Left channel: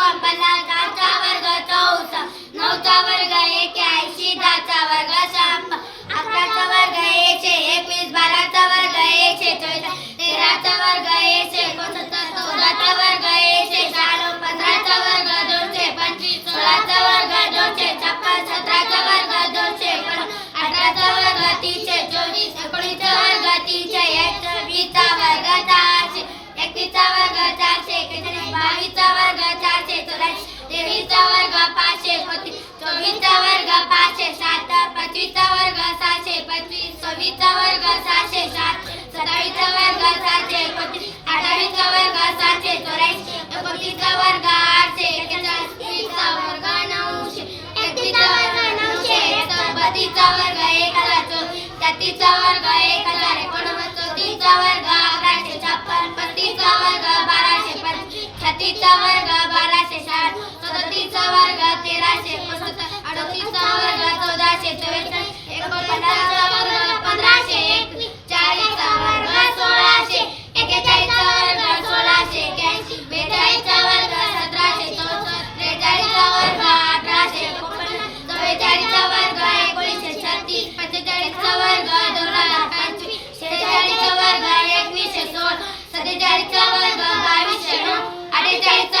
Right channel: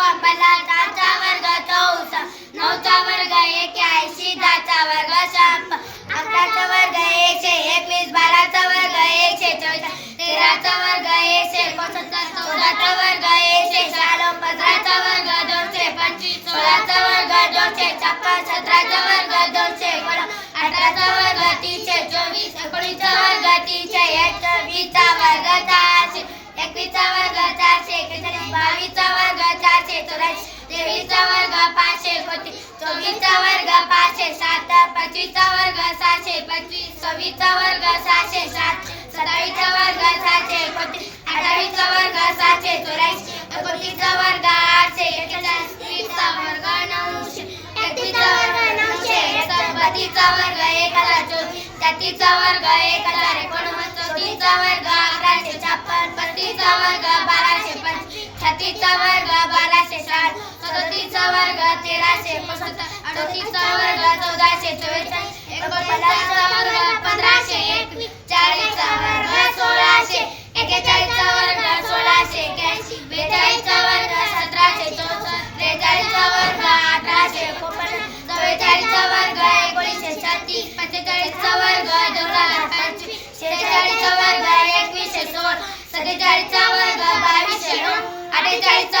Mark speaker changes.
Speaker 1: पहिला दहाचा वर्ग चौसा नऊचा वर्ग एक ऐंशी दहाचा वर्ग शंभर अकराचा वर्ग एकशे एकवीस बाराचा वर्ग एकशे चौदा तेराचा वर्ग एकशे एकोणसत्तर चौदाचा वर्ग एकशे शहाण्णव पंधराचा वर्ग दोनशे पंचवीस सोळाचा वर्ग दोनशे छप्पन सतराचा वर्ग दोनशे एकोण अठराचा वर्ग तीनशे चोवीस एकोणीसचा वर्ग तीनशे एक वीसचा वर्ग चारशे एकवीसचा वर्ग चारशे एकवीस बावीसचा पाचवीचा वर्ग सहाशे सात सत्तावीसचा वर्ग सहाशे एकोणतीस अठ्ठावीसचा वर्ग सहाशे चौऱ्याऐंशी एकोणतीसचा वर्ग आठशे वीसचा वर्ग नऊशे एकवीसचा वर्ग नऊशे बत्तीसचा वर्ग एक हजार तेहतीसचा वर्ग एक हजार चौतीसचा वर्ग अकराशे छप्पन वर्ग बाराशे छत्तीसचा वर्ग बाराशे साठ सदतीसचा वर्ग तेराशे अडतीसचा वर्ग चौदाशे चव्वेचाळीस सत्तेचाळीसचा वर्ग बावीसशे नऊ अठ्ठेचाळीसचा